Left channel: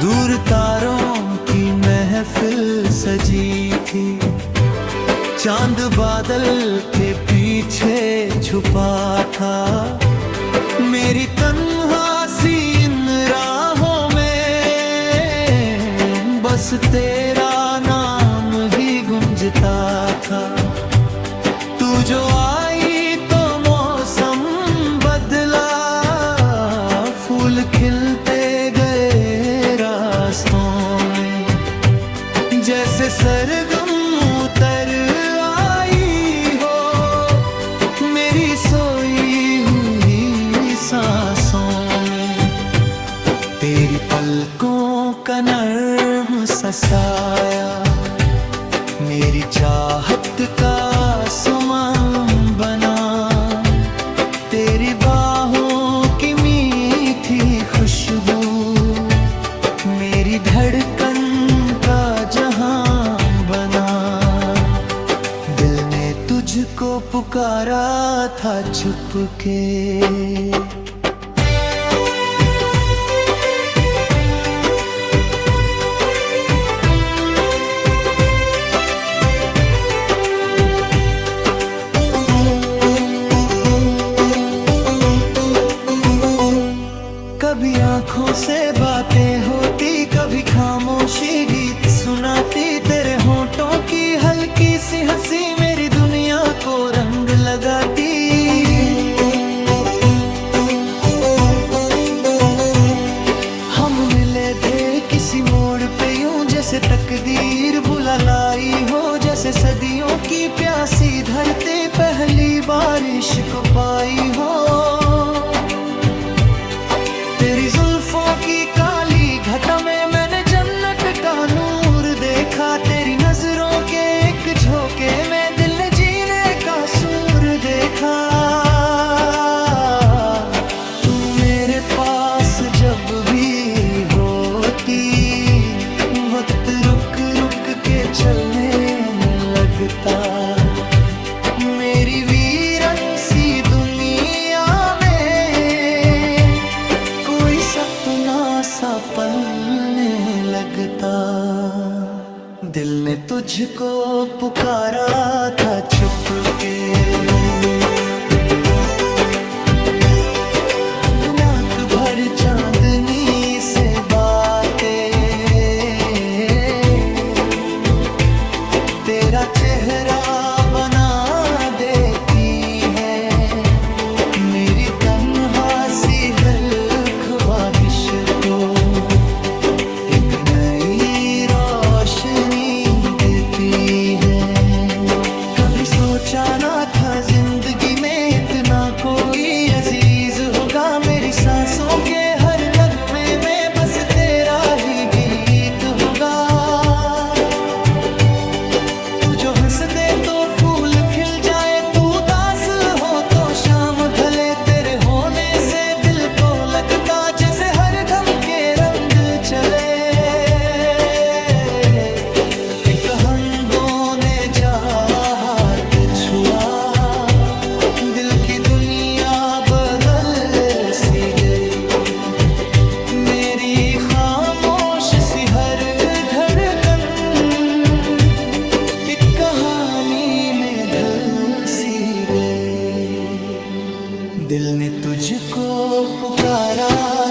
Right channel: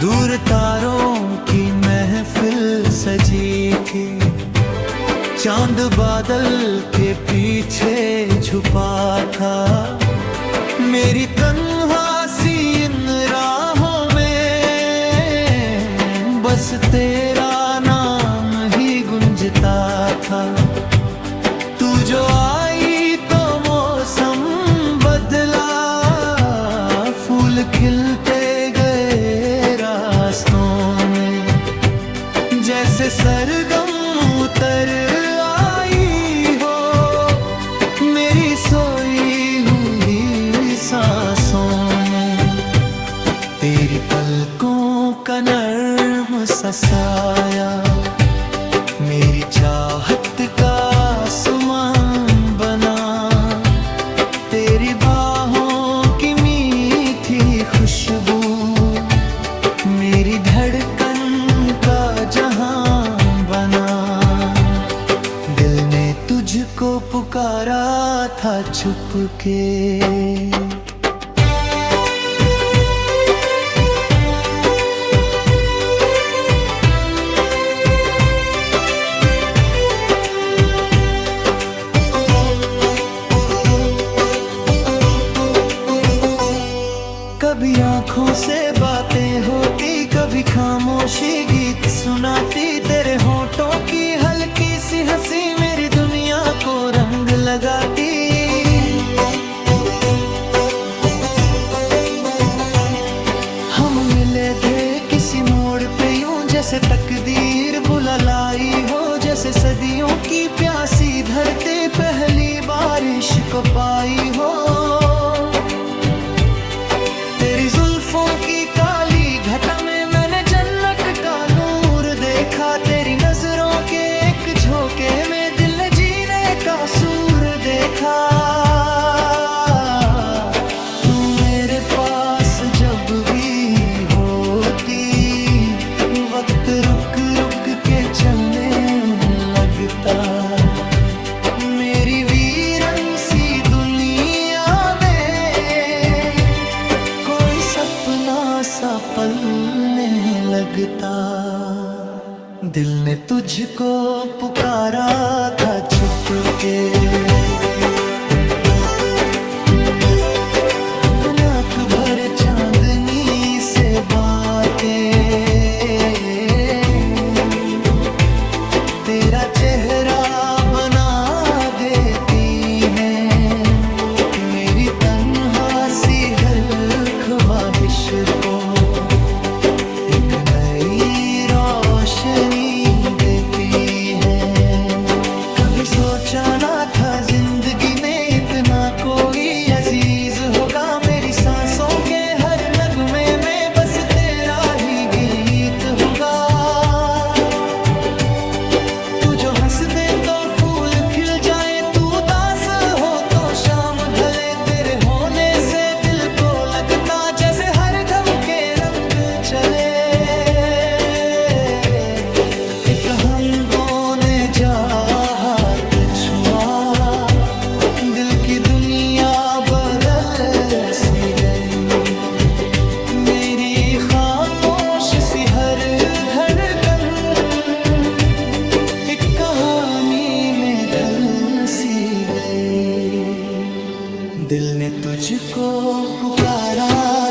दूर तारों की महफिल सजी थी, चांद बादल के पीछे छुपा था। मेरी तन्हासी इन राहों में बस तेरा नाम ही गूंजता था। तू जो आई तो मौसम बदला, फूल खिलते गए रास्तों में, जैसे सरगम उतर आई हो मेरी सोई हुई सांसों में। तेरी पलकों का नर्म सा साया मेरी चाहत का आसमां बना। तेरी बाहों की मीठी खुशबू मेरी धड़कन का जहां बना। दिल ने तुझको पुकारा था छुपके। कभी आँखों से बातें होती, कभी खामोशी गीत सुनाती। तेरे होठों की हल्की सी हंसी मेरी दुनिया को रंग लगाती। हम मिले थे किसी मोड़ पे यूं जैसे तकदीर बुला लाई हो, जैसे सदियों की प्यासी धरती पहली बारिश को पाई हो। तेरी जुल्फों की काली घटा में मैंने जन्नत का नूर देखा। तेरी नजरों के एक झोंके में दिल ने जीने का सूर देखा। तू मेरे पास जब भी होती, वक्त रुक रुक के चलने लगता। मेरी वीरन सी दुनिया सपना सा पलने लगता। दिल ने तुझको पुकारा था छुपके। रात भर चांदनी से बातें तेरा चेहरा बना देती हैं। मेरी तन्हासी हर ख्वाहिश को एक नई रोशनी देती है। कभी सोचा ना था जिंदगी में इतना कोई अजीज होगा। मेरी सांसों के हर नगमे में बस तेरा ही गीत होगा। तू जो हंस दे तो फूल खिल जाए, तू उदास हो तो शाम ढले। तेरे होने से दिल को लगता जैसे हर दम के रंग चले। एक हमदों ने जा हाथ छुआ, दिल की दुनिया बदल सी गई। मेरी खामोश सी हर धड़कन एक कहानी में ढल सी गई। दिल ने तुझको पुकारा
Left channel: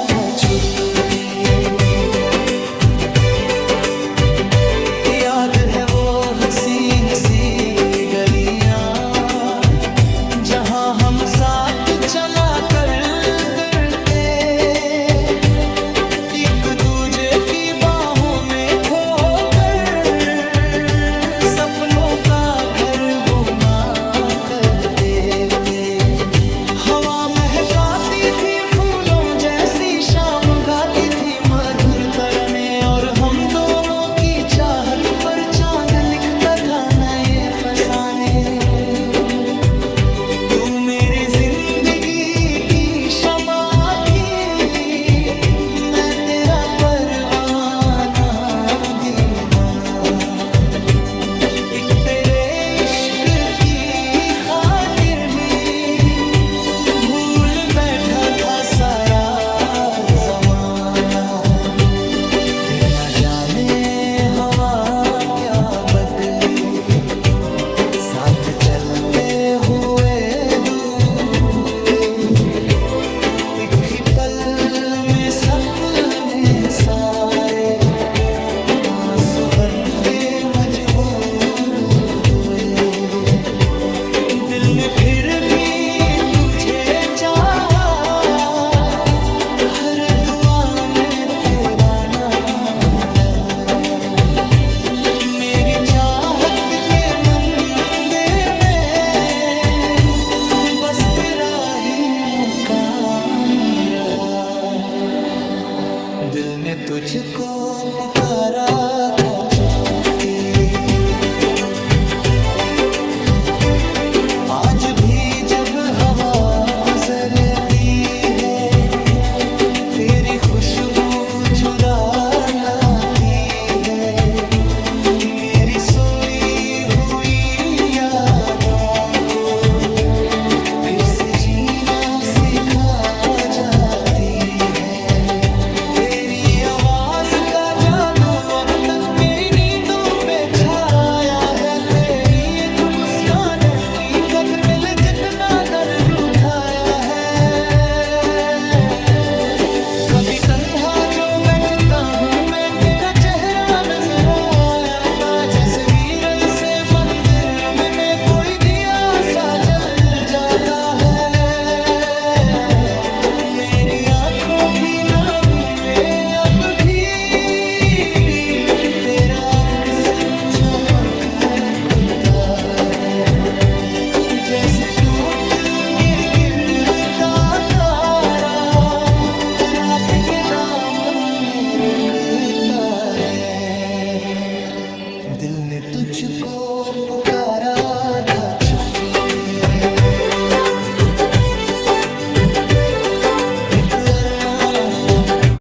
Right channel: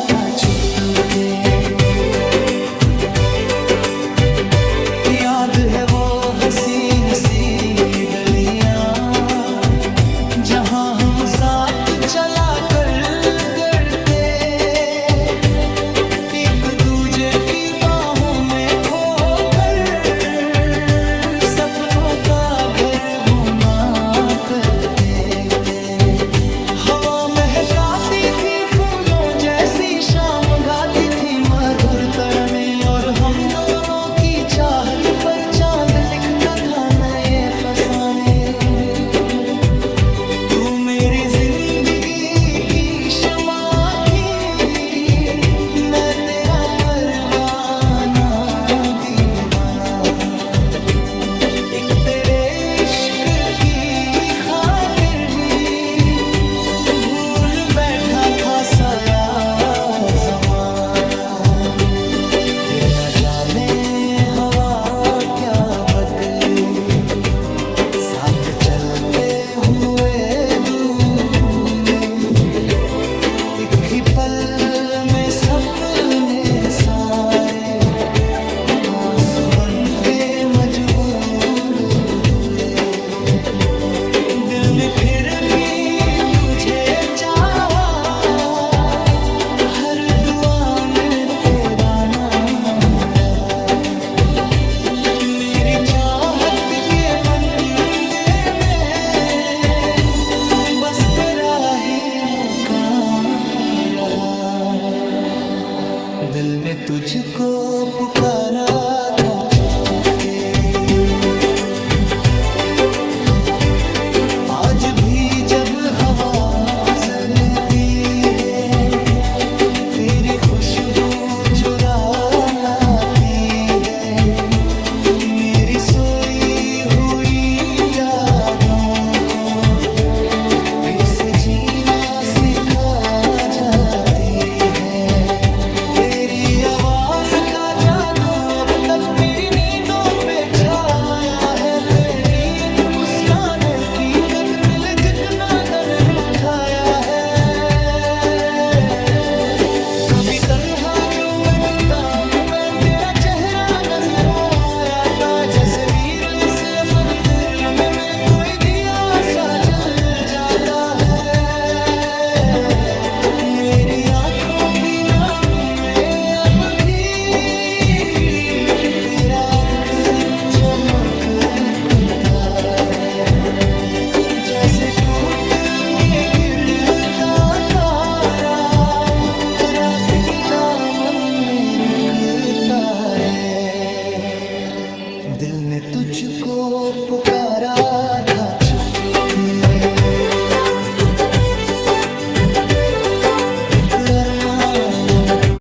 था छुपके। याद है वो हसीन सी गलियां जहां हम साथ चला करते। एक दूजे की बाहों में खोकर सपनों का घर बुना करते थे। हवा महकाती थी फूलों जैसी, शाम गाती थी मधुर तराने। और हम दोनों की चाहत पर चांद लिखता था नए फसाने। तू मेरी जिंदगी की शमा थी, मैं तेरा परवाना दीवाना। एक तेरे इश्क की खातिर ही भूल बैठा था सारा जमाना। फिर न जाने हवा क्या बदली, साथ चलते हुए दूर हुए, एक ही पल में सपने सारे आंसू बन के मजबूर हुए। दिल ने फिर भी तुझे चाहा, हर दुआ में तेरा नाम रहा। मेरी चाहत के मंदिर में बस तेरा ही मुकाम रहा। दिल ने तुझको पुकारा था चुपके, आज भी जब हवा गुजरती है, तेरी खुशबू चुरा लाती है। मेरी सोई हुई यादों को फिर से जीना सिखा जाती है। तेरी आवाज का जादू अब तक मेरी नींदों पे छाया है। तेरी एक मुस्कान की कदर में कितना दन उठाया है। कभी तन्हा जो बैठता हूँ मैं, तेरा चेहरा नजर आया था। जैसे वीरन से मंदिर में कोई दिया सा जल जाता है। मेरी आंखों की नामी में अब भी तेरा अक्स चमकता है। जैसे टूट के गिरता तारा रात के दामन में रुकता है। दिल ने तुझको पुकारा था छुपके, एक अरमान तू।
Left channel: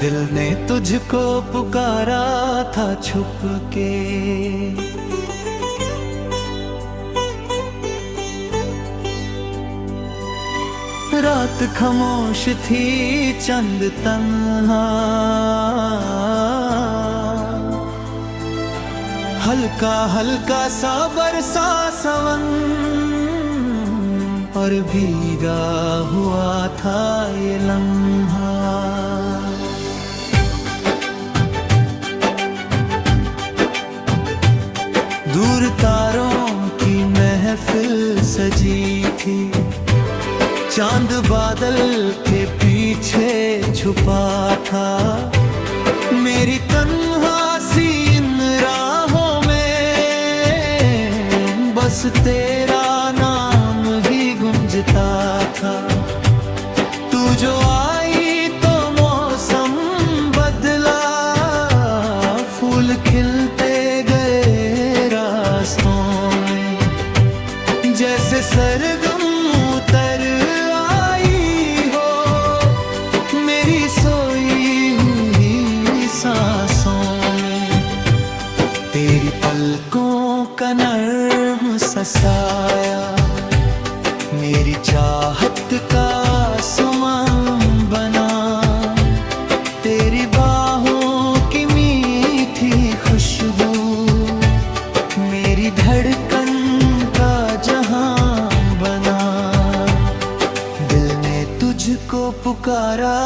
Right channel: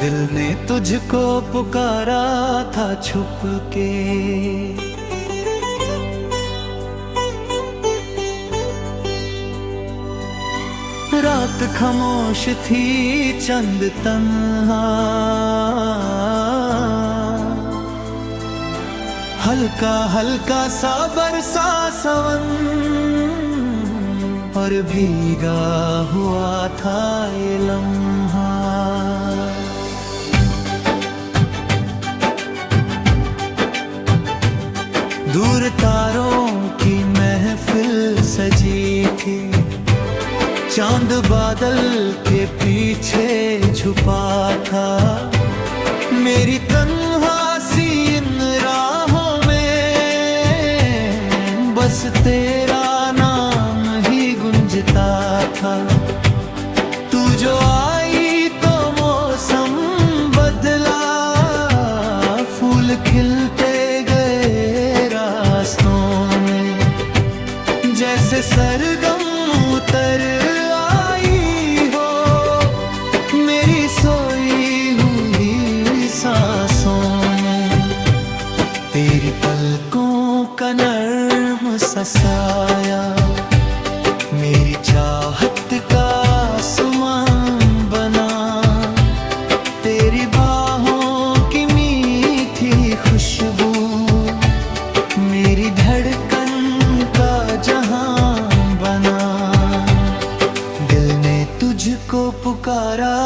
दिल ने तुझको पुकारा था छुप के, रात खामोश थी चंद तन्हा, हल्का हल्का सा बरसा सावन और भीगा हुआ था ये लम्हा। दूर तारों की महफिल सजी थी, चांद बादल के पीछे छुपा था। मेरी तन्हा सी इन राहों में बस तेरा नाम ही गुंजता था। तू जो आई तो मौसम बदला, फूल खिलते गए रास्तों में। जैसे सरगम उतर आई हो मेरी सोई हुई सांसों में। तेरी पलकों का नर्म सा साया मेरी चाहत का आसमान बना। तेरी बाहों की मीठी खुशबू मेरी धड़कन का जहां बना। दिल ने तुझको पुकारा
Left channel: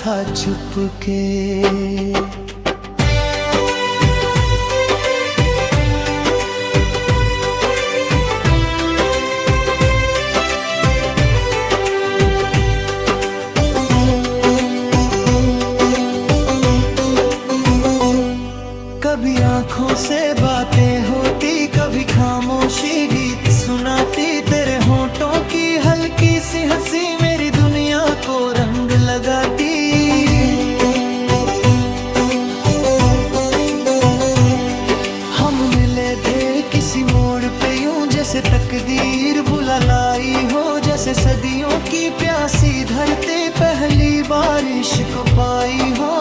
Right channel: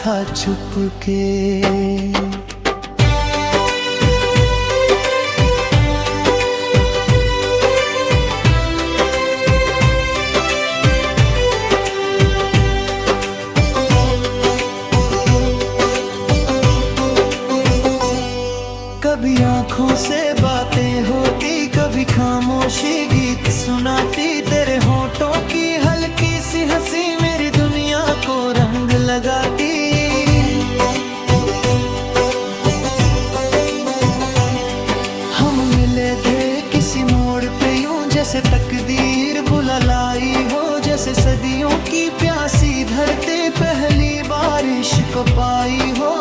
था छुपके। कभी आंखों से बातें होती, कभी खामोशी गीत सुनाती। तेरे होठों की हल्की सी हंसी मेरी दुनिया को रंग लगाती। हम मिले थे किसी मोड़ पे यूं जैसे तकदीर बुला लाई हो। जैसे सदियों की प्यासी धरती पहली बारिश को पाई हो।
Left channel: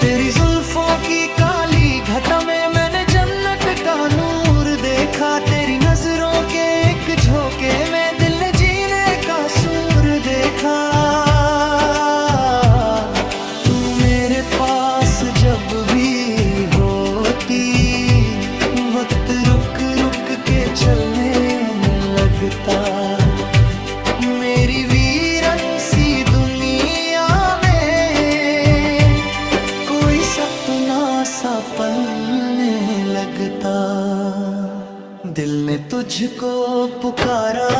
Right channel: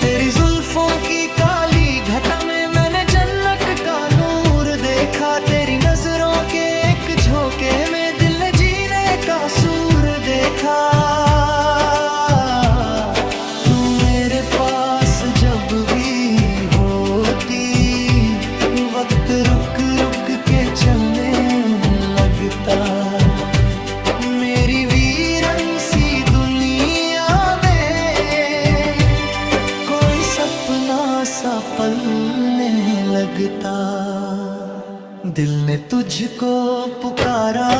तेरी जुल्फों की काली घटा में मैंने जन्नत का नूर देखा, तेरी नजरों के एक झोंके में दिल ने जीने का सूर देखा। तू मेरे पास जब भी होती, वक्त रुक रुक के चलने लगता। मेरी वीरन सी दुनिया में कोई सपना सा पलने लगता। दिल ने तुझको पुकारा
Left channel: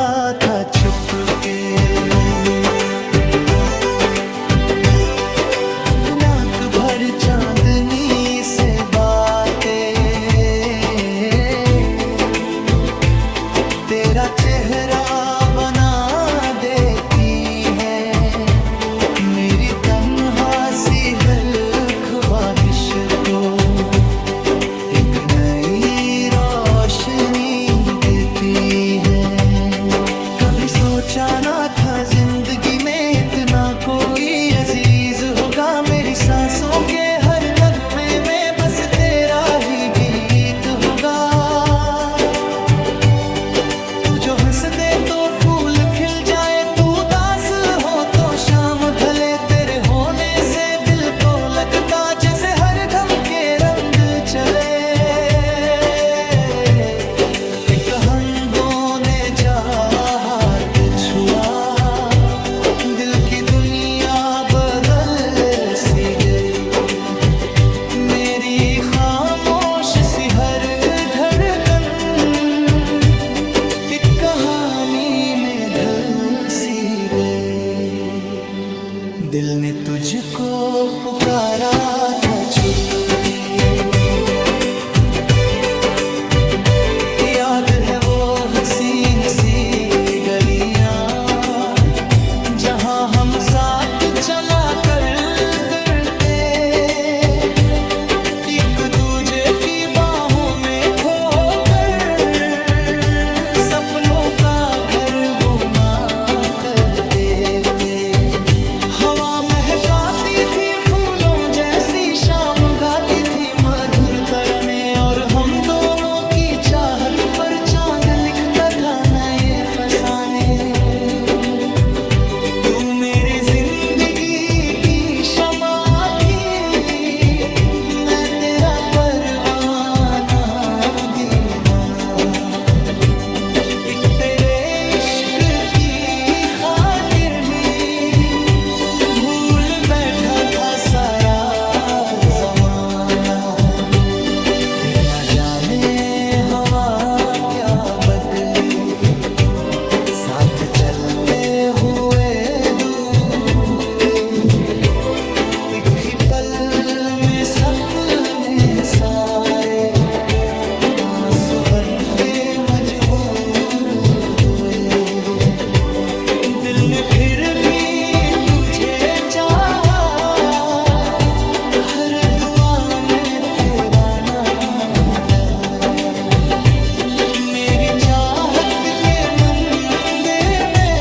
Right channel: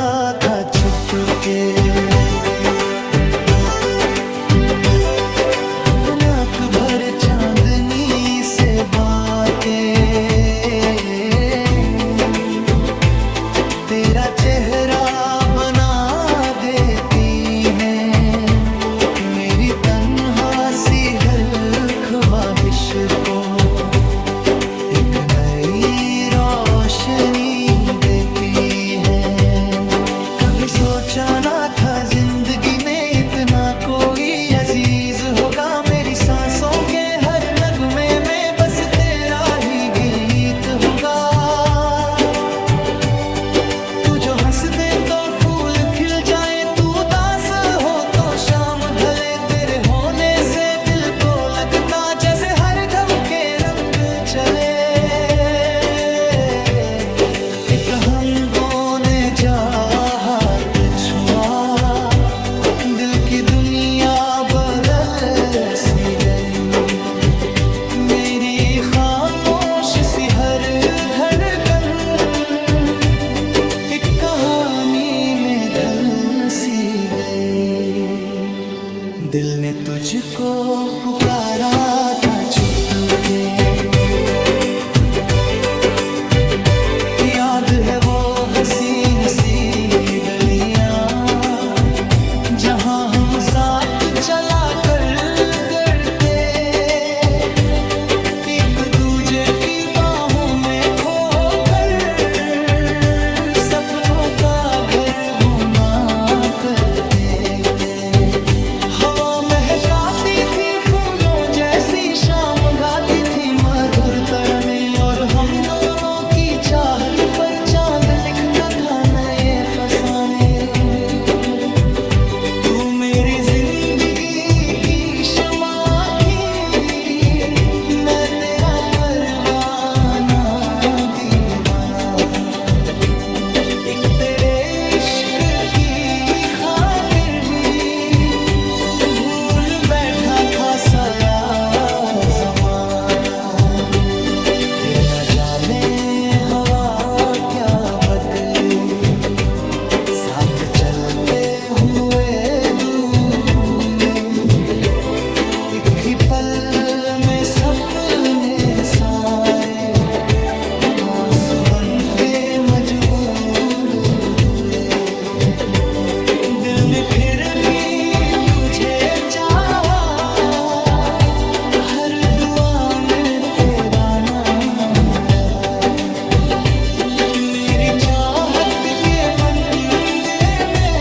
था छुप के, रात भर चांदनी से बातें, तेरा चेहरा बना देती है मेरी तन्हा सी हर ख्वाहिश को एक नई रोशनी देती है। कभी सोचा ना था जिंदगी में इतना कोई अजीज होगा, मेरी सांसों के हर नगमे में बस तेरा ही गीत होगा। तू जो हंस दे तो फूल खिल जाए, तू उदास हो तो शाम ढले, तेरे होने से दिल को लगता जैसे हर दम के रंग चले। एक हमदों ने जा हाथ छुआ, दिल की दुनिया बदल सी गई। मेरी खामोश सी हर धड़कन एक कहानी में ढल सी गई। दिल ने तुझको पुकारा था छुप के, याद है वो हसीन सी गलियां जहां हम साथ चला करते, एक दूजे की बाहों में खोकर सपनों का घर बुना करते थे। हवा महकाती थी फूलों जैसी, शाम गाती थी मधुर तराने, और हम दोनों की चाहत पर चांद लिखता था नए फसाने। तू मेरी जिंदगी की शमा थी, मैं तेरा परवाना दीवाना, एक तेरे इश्क की खातिर ही भूल बैठा था सारा जमाना। फिर न जाने हवा क्या बदली, साथ चलते हुए दूर हुए, एक ही पल में सपने सारे आंसू बन के मजबूर हुए। दिल ने फिर भी तुझे चाहा, हर दुआ में तेरा नाम रहा। मेरी चाहत के मंदिर में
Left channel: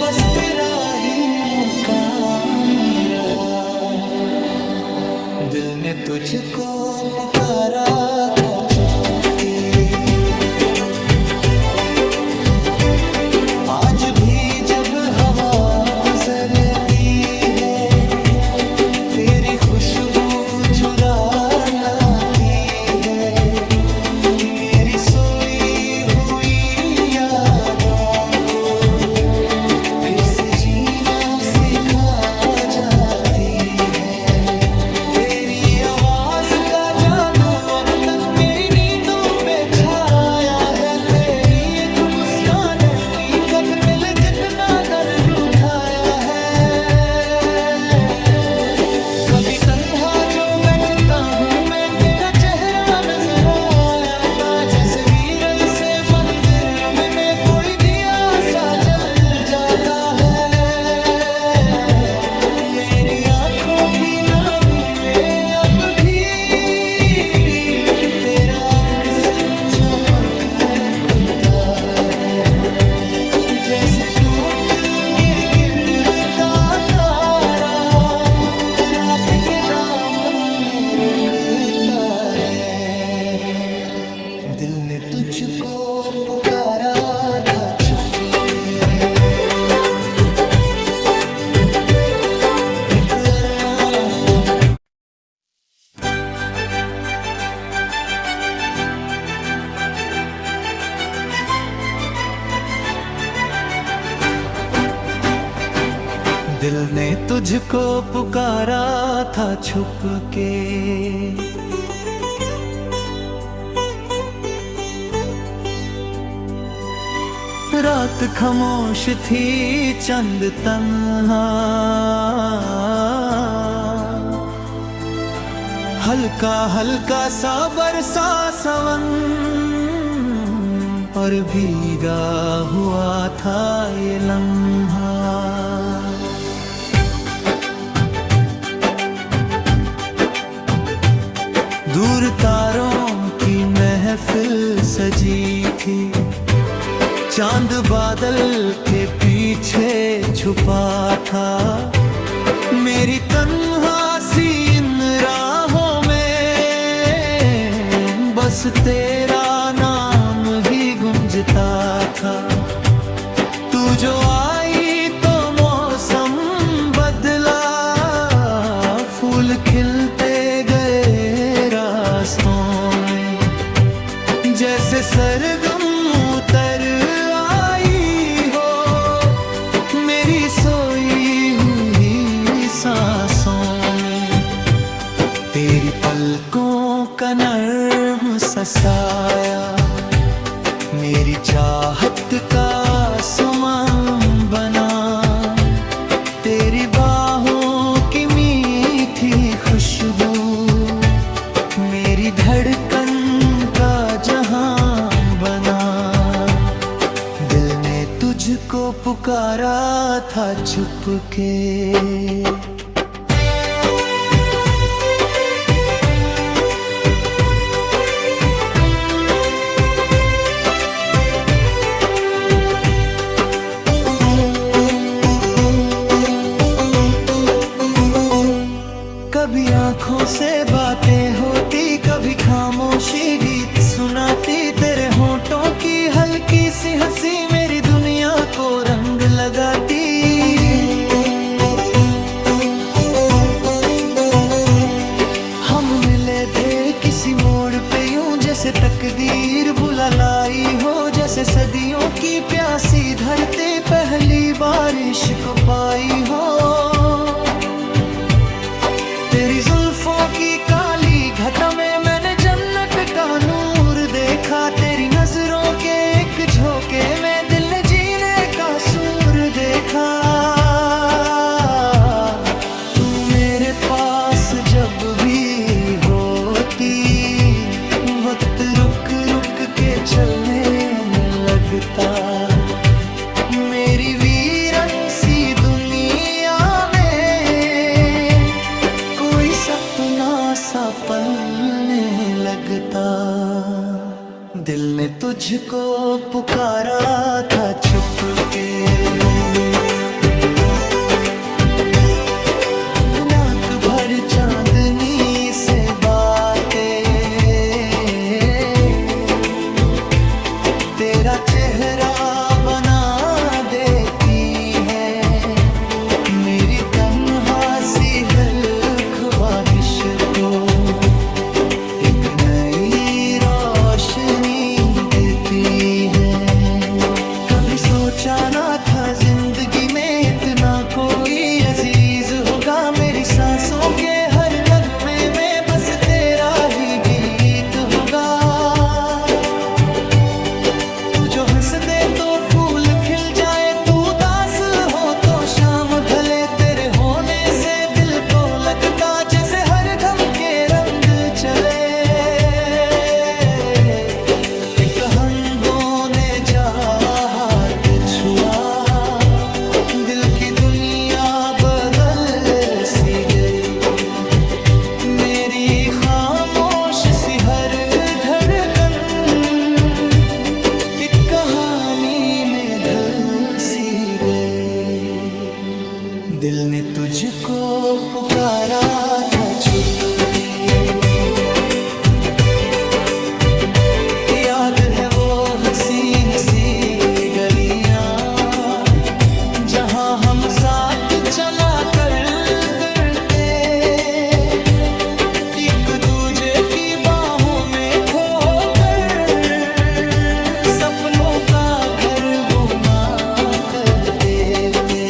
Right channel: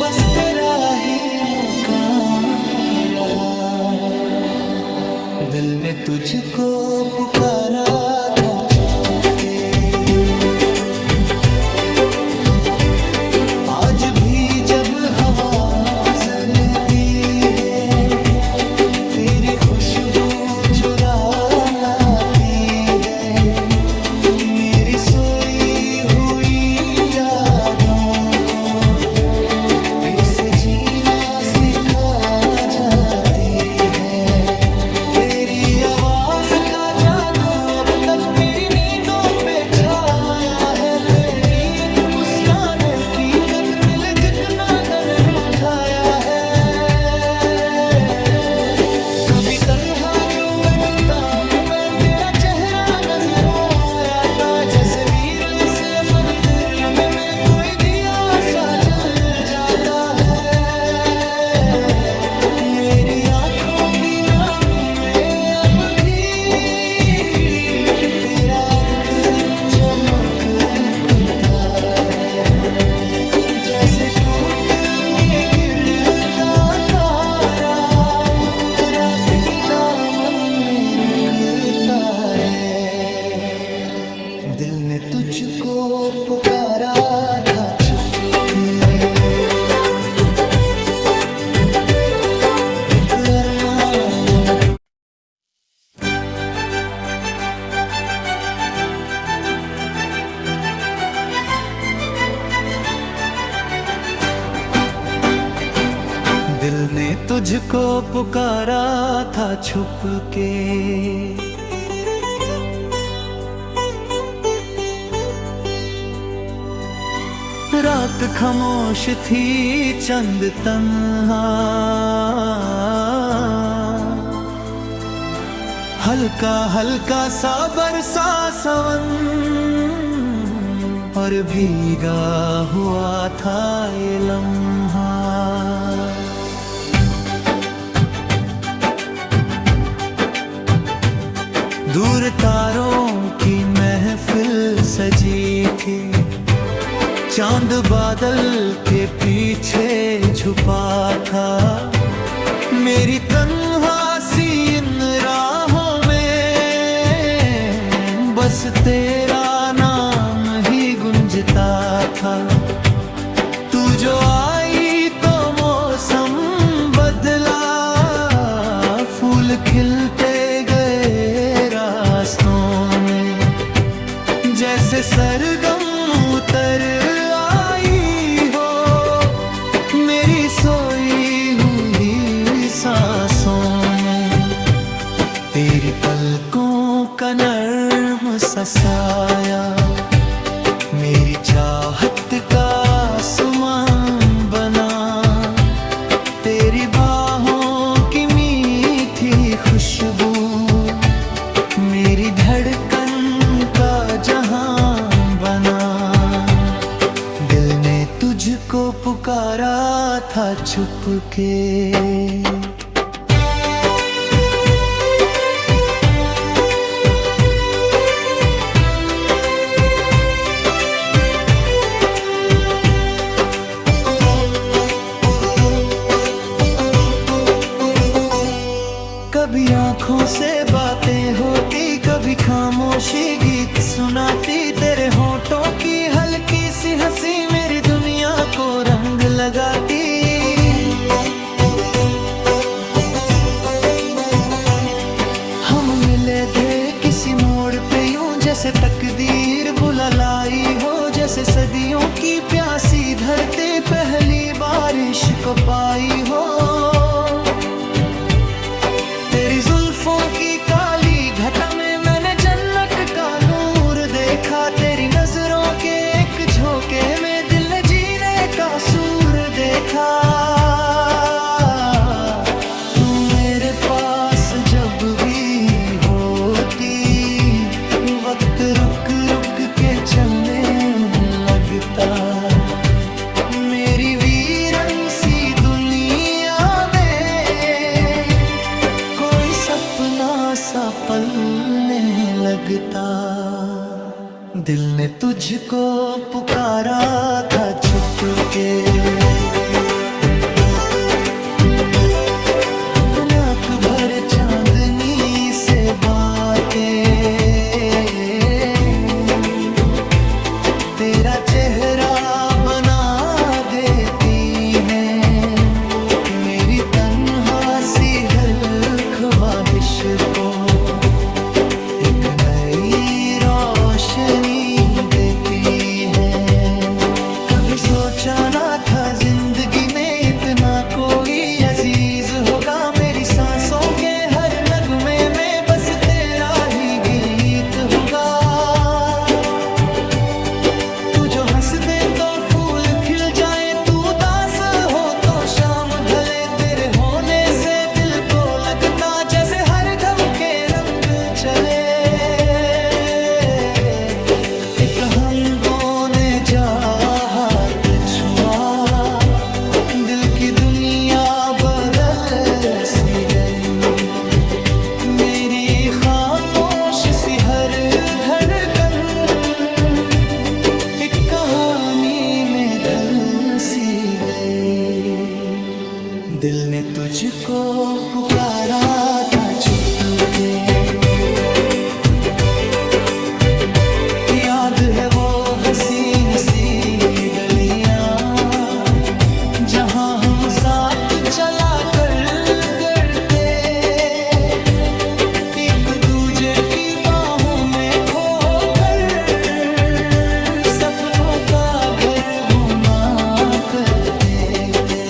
बस तेरा ही मुकाम रहा। दिल ने तुझको पुकारा था छुप के, आज भी जब हवा गुजरती है तेरी खुशबू चुरा लाती है। मेरी सोई हुई यादों को फिर से जीना सिखा जाती है। तेरी आवाज का जादू अब तक मेरी नींदों पे छाया है। तेरी एक मुस्कान की कदर में कितना दर्द उठाया है। कभी तन्हा जो बैठता हूँ मैं तेरा चेहरा नजर आया था। जैसे वीरन से मंदिर में मैं कोई दिया सा जल जाता है। मेरी आंखों की नामी में अब भी तेरा अक्स चमकता है। जैसे टूट के गिरता तारा रात के दामन में रुकता है। दिल ने तुझको पुकारा था छुप के, एक अरमान न दिल ने तुझको पुकारा था छुप के, रात खामोश थी चंद तन्हा, हल्का हल्का सा बरसा सावन और भीगा हुआ था ये लम्हा। दूर तारों की महफिल सजी थी, चांद बादल के पीछे छुपा था। मेरी तन्हासी इन राहों में बस तेरा नाम ही गुंजता था। तू जो आई तो मौसम बदला, फूल खिलते गए रास्तों में, जैसे सरगम उतर आई हो मेरी सोई हुई सांसों में। तेरी पलकों का नर्म सा साया मेरी चाहत का सुमन बना। तेरी बाहों की मीठी खुशबू मेरी धड़कन का जहां बना। दिल ने तुझको पुकारा था छुप के। कभी आँखों से बातें होती, कभी खामोशी गीत सुनाती। तेरे होठों की हल्की सी हंसी मेरी दुनिया को रंग लगाती। हम मिले थे किसी मोड़ पे यूं जैसे तकदीर बुला लाई हो, जैसे सदियों की प्यासी धरती पहली बारिश को पाई हो। तेरी जुल्फों की काली घटा में मैंने जन्नत का नूर देखा। तेरी नजरों के एक झोंके में दिल ने जीने का सूर देखा। तू मेरे पास जब भी होती, वक्त रुक रुक के चलने लगता। मेरी वीरन सी दुनिया सपना सा पलने लगता। दिल ने तुझको पुकारा था छुप के, रात भर चांदनी से बातें तेरा चेहरा बना देती हैं। मेरी तन्हासी हर ख्वाहिश को एक नई रोशनी देती है। कभी सोचा ना था जिंदगी में इतना कोई अजीज होगा। मेरी सांसों के हर नगमे में बस तेरा ही गीत होगा। तू जो हंस दे तो फूल खिल जाए, तू उदास हो तो शाम ढले। तेरे होने से दिल को लगता जैसे हर दम के रंग चले। एक हमदों ने जा हाथ छुआ, दिल की दुनिया बदल सी गई। मेरी खामोश सी हर धड़कन एक कहानी में ढल सी गई। दिल ने तुझको पुकारा था छुप के, याद है वो हसीन सी गलियां जहां हम साथ चला करते, एक दूजे की बाहों में खोकर सपनों का घर बुना करते थे।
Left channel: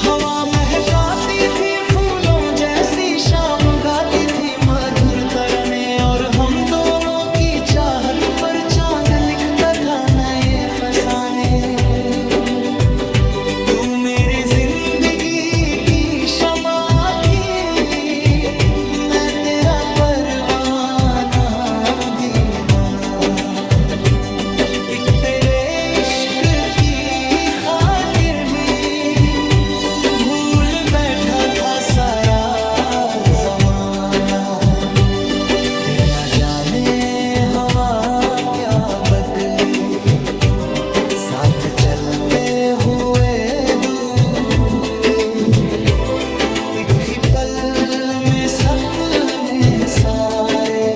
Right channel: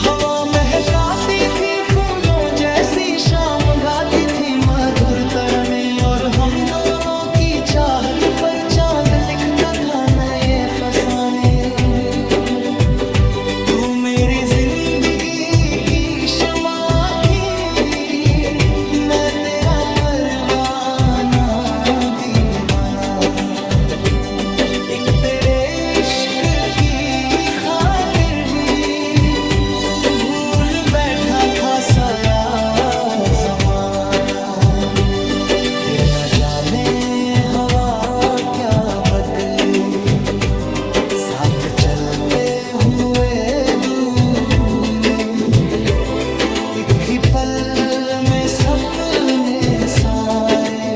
हवा महकाती थी फूलों जैसी, शाम गाती थी मधुर तरने, और हम दोनों की चाहत पर चांद लिखता था नए फसाने। तू मेरी जिंदगी की शमा थी, मैं तेरा परवाना दीवाना, एक तेरे इश्क की खातिर ही भूल बैठा था सारा जमाना। फिर न जाने हवा क्या बदली, साथ चलते हुए दूर हुए, एक ही पल में सपने सारे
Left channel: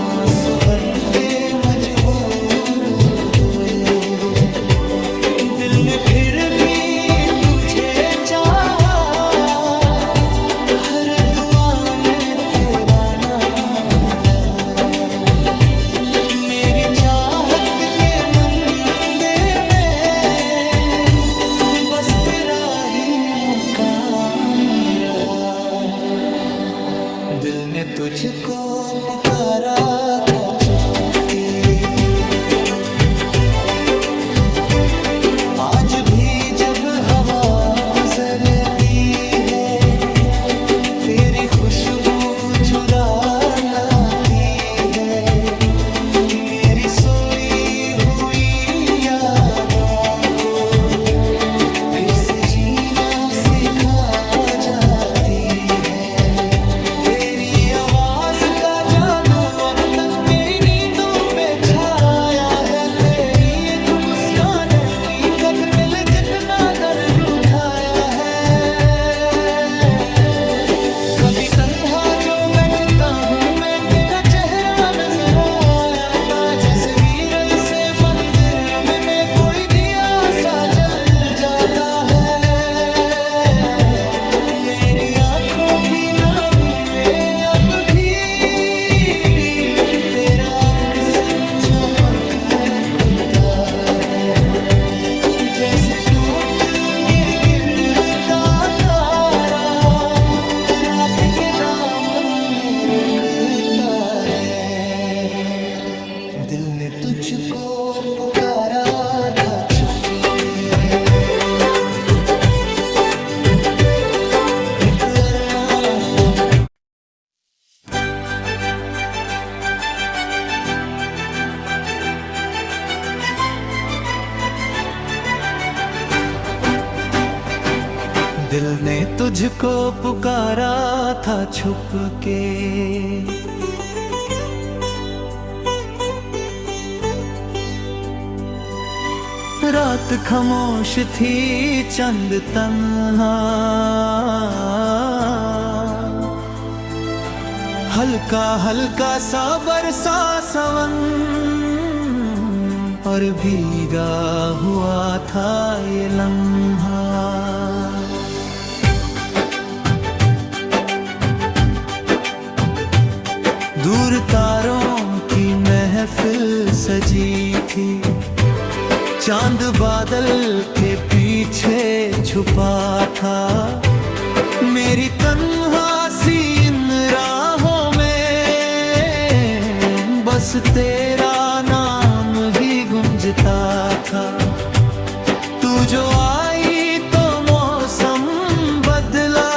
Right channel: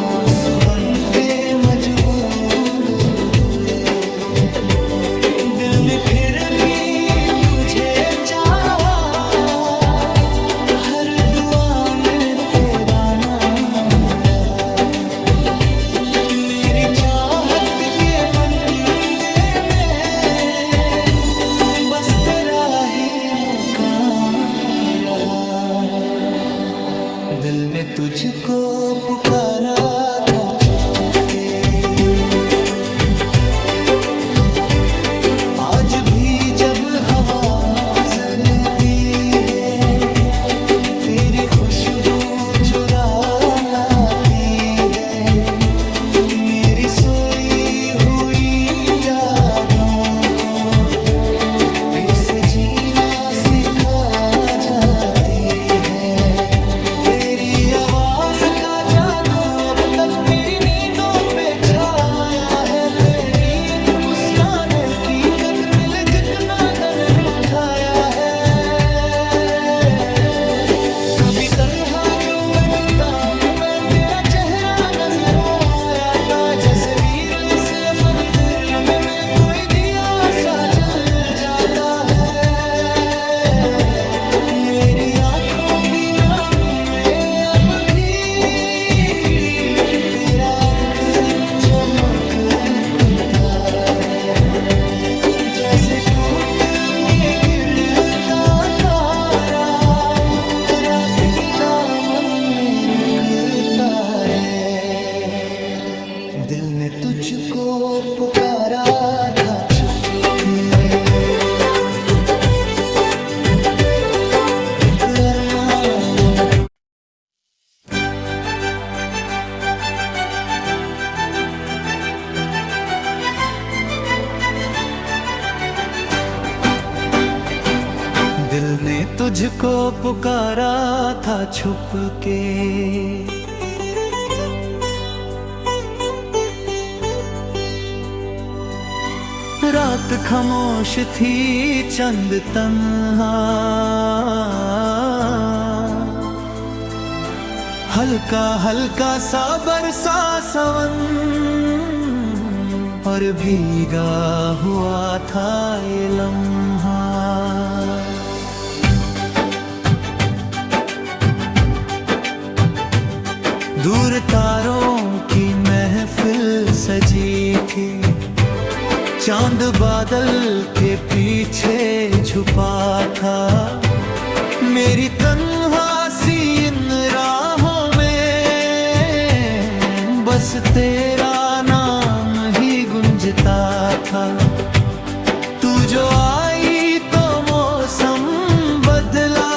आंसू बन के मजबूर हुए। दिल ने फिर भी तुझे चाहा, हर दुआ में तेरा नाम रहा, मेरी चाहत के मंदिर में बस तेरा ही मुकाम रहा। दिल ने तुझको पुकारा था छुप के, आज भी जब हवा गुजरती है तेरी खुशबू चुरा लाती है, मेरी सोई हुई यादों को फिर से जीना सिखा जाती है। तेरी आवाज का जादू अब तक मेरी नींदों पे छाया है, तेरी एक मुस्कान की कदर मिले कितना दन उठाया है। कभी तन्हा जो बैठता हूँ मैं तेरा चेहरा नजर आया था, जैसे वीरन से मंदिर में कोई दिया सा जल जाता है। मेरी आंखों की नामी में अब भी तेरा अक्स चमकता है, जैसे टूट के गिरता तारा रात के दामन में रुकता है। दिल ने तुझको पुकारा था छुप के, एक अरमान तू दिल ने तुझको पुकारा था छुप के, रात खामोश थी चंद तन्हा, हल्का हल्का सा बरसा सावन, और भीगा हुआ था ये लम्हा। दूर तारों की महफिल सजी थी, चांद बादल के पीछे छुपा था, मेरी तन्हा सी इन राहों में बस तेरा नाम ही गुंजता था। तू जो आई तो मौसम बदला,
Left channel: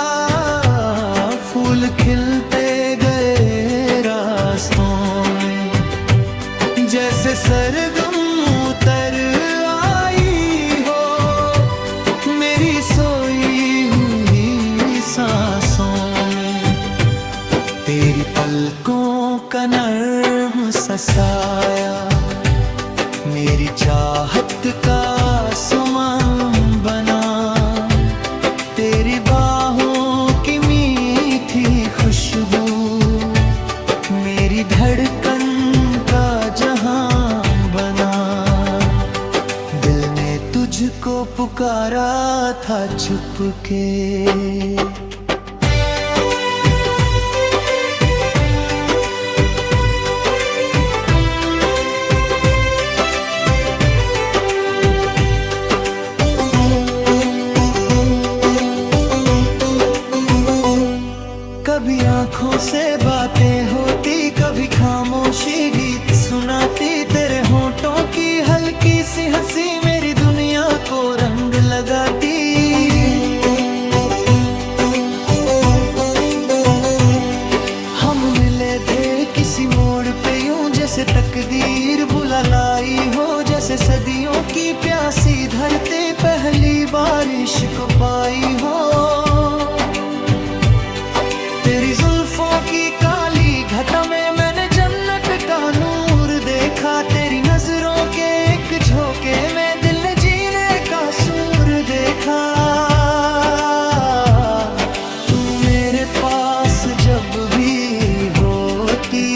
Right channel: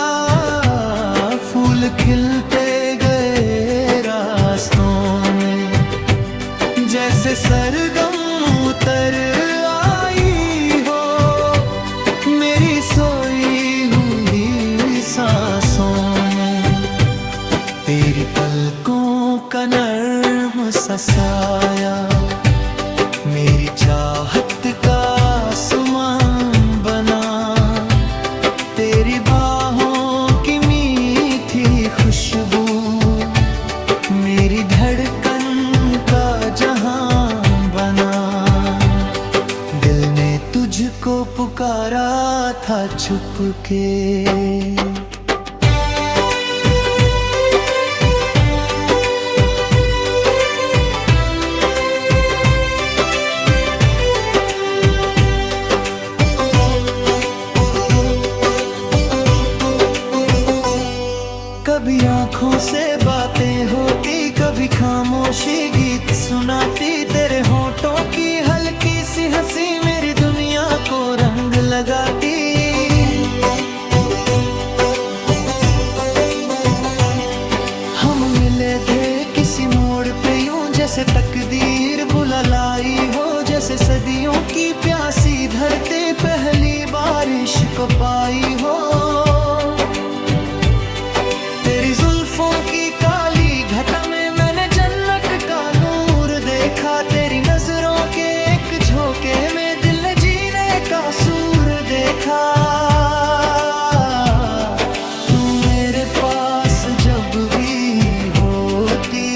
फूल खिलते गए रास्तों में, जैसे सरगम उतर आई हो मेरी सोई हुई सांसों में। तेरी पलकों का नर्म सा साया मेरी चाहत का सुमन बना, तेरी बाहों की मीठी खुशबू मेरी धड़कन का जहां बना। दिल ने तुझको पुकारा था छुप के। कभी आंखों से बातें होती, कभी खामोशी गीत सुनाती। तेरे होठों की हल्की सी हंसी मेरी दुनिया को रंग लगाती। हम मिले थे किसी मोड़ पे यूं जैसे तकदीर बुला लाई हो, जैसे सदियों की प्यासी धरती पहली बारिश को पाई हो। तेरी जुल्फों की काली घटा में मैंने जन्नत का नूर देखा। तेरी नजरों के एक झोंके में दिल ने जीने का सूर देखा। तू मेरे पास जब भी होती,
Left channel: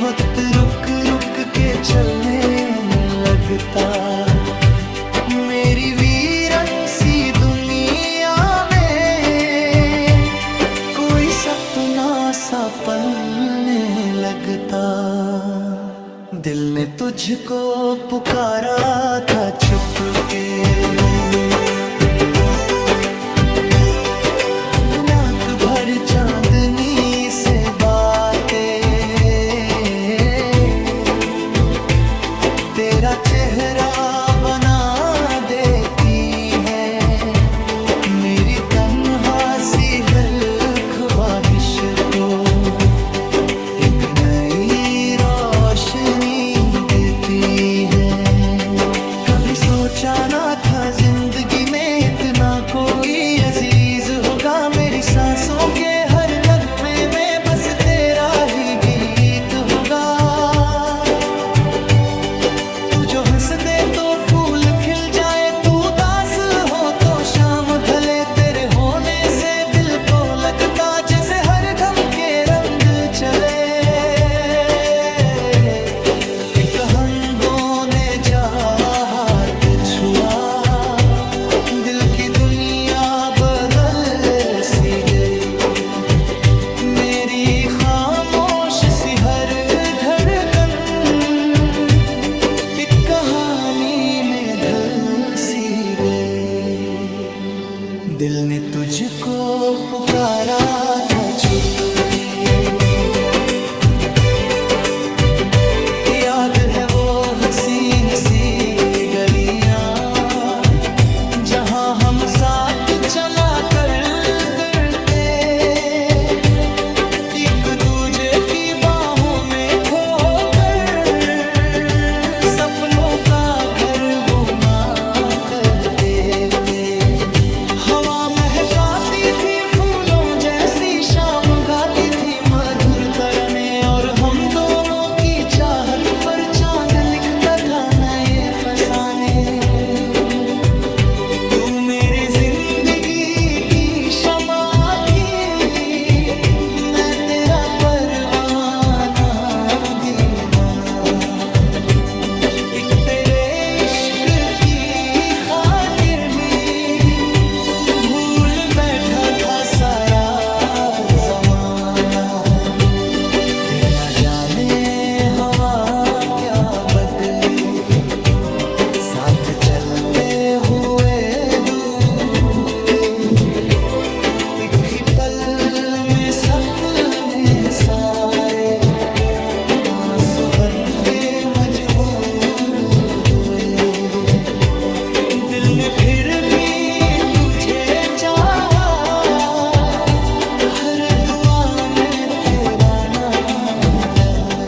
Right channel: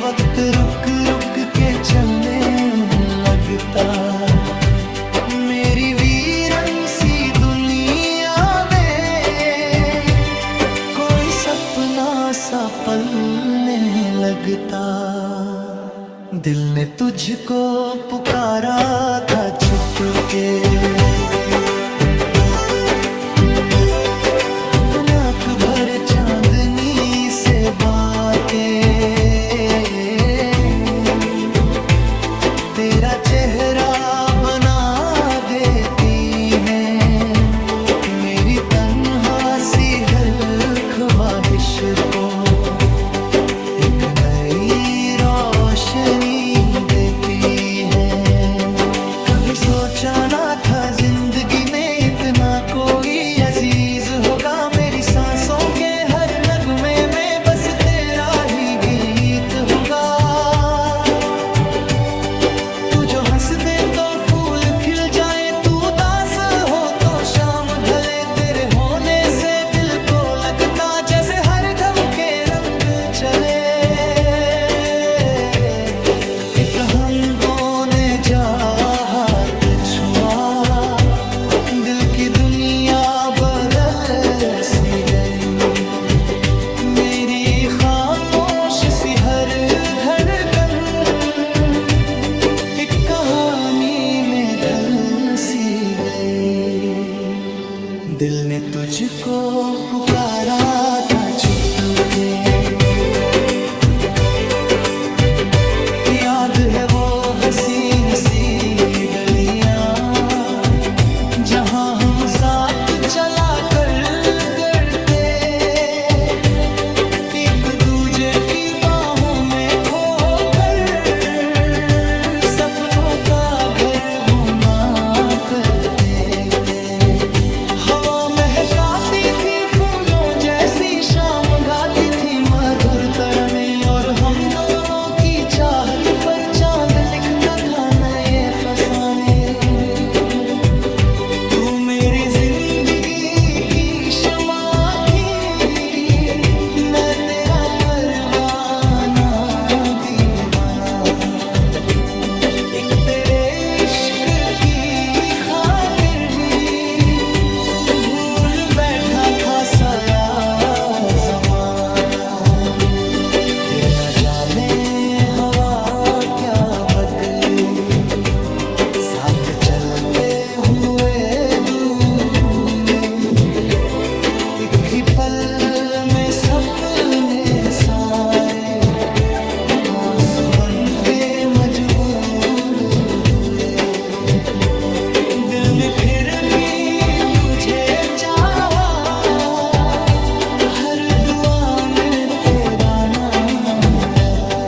वक्त रुक रुक के चलने लगता। मेरी वीरन सी दुनिया सपना सा पलने लगता। दिल ने तुझको पुकारा था छुप के। रात भर चांदनी से बातें, तेरा चेहरा बना देती है मेरी तन्हा सी हर ख्वाहिश को एक नई रोशनी देती है। कभी सोचा ना था जिंदगी में इतना कोई अजीज होगा। मेरी सांसों के हर नगमे में बस तेरा ही गीत होगा। तू जो हंस दे तो फूल खिल जाए, तू उदास हो तो शाम ढले। तेरे होने से दिल को लगता जैसे हर दम के रंग चले। एक हमदों ने जा हाथ छुआ, दिल की दुनिया बदल सी गई। मेरी खामोश सी हर धड़कन एक कहानी में ढल सी गई। दिल ने तुझको पुकारा था छुप के। याद है वो हसीन सी गलियां जहां हम साथ चला करते, एक दूजे की बाहों में खोकर सपनों का घर बुना करते थे। हवा महकाती थी फूलों जैसी, शाम गाती थी मधुर तराने। और हम दोनों की चाहत पर चांद लिखता था नए फसाने। तू मेरी जिंदगी की शमा थी, मैं तेरा परवाना दीवाना। एक तेरे इश्क की खातिर ही भूल बैठा था सारा जमाना। फिर न जाने हवा क्या बदली, साथ चलते हुए दूर हुए। एक ही पल में सपने सारे आंसू बन के मजबूर हुए। दिल ने फिर भी तुझे चाहा, हर दुआ में तेरा नाम रहा।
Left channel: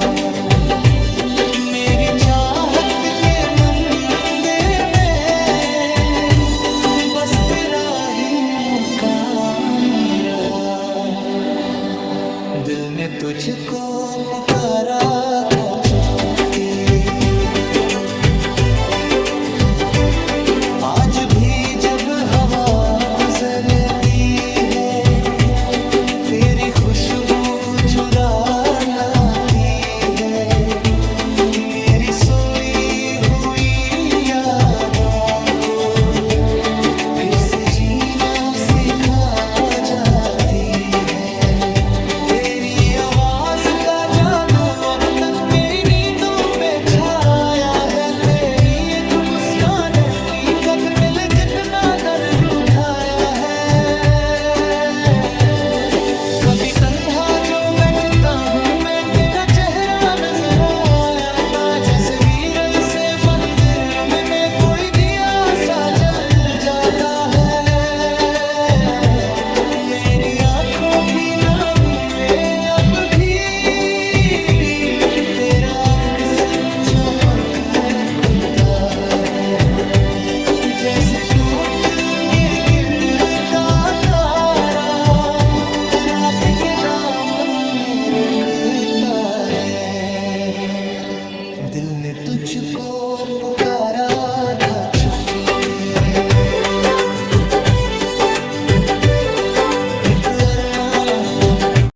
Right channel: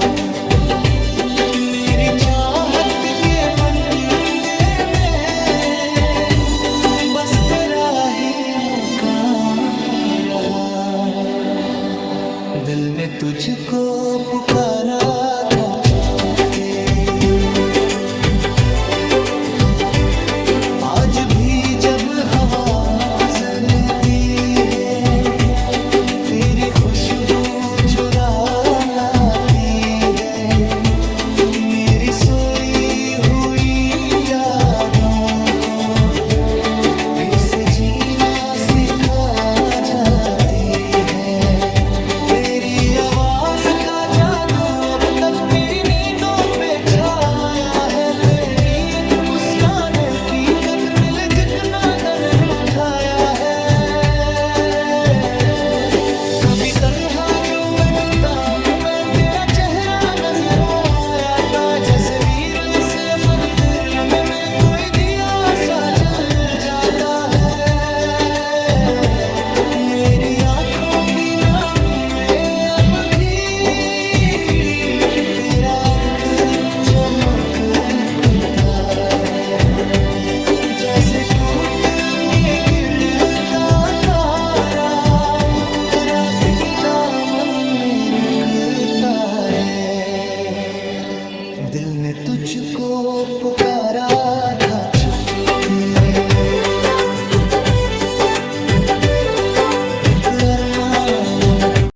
मेरी चाहत के मंदिर में बस तेरा ही मुकाम रहा। दिल ने तुझको पुकारा था छुप के। आज भी जब हवा गुजरती है तेरी खुशबू चुरा लाती है, मेरी सोई हुई यादों को फिर से जीना सिखा जाती है। तेरी आवाज का जादू अब तक मेरी नींदों पे छाया है, तेरी एक मुस्कान की कदर में कितना दन उठाया है। कभी तन्हा जो बैठता हूँ मैं तेरा चेहरा नजर आया था, जैसे वीरन से मंदिर में कोई दिया सा जल जाता है। मेरी आंखों की नामी में अब भी तेरा अक्स चमकता है, जैसे टूट के गिरता तारा रात के दामन में रुकता है। दिल ने तुझको पुकारा था छुप के, एक अरमान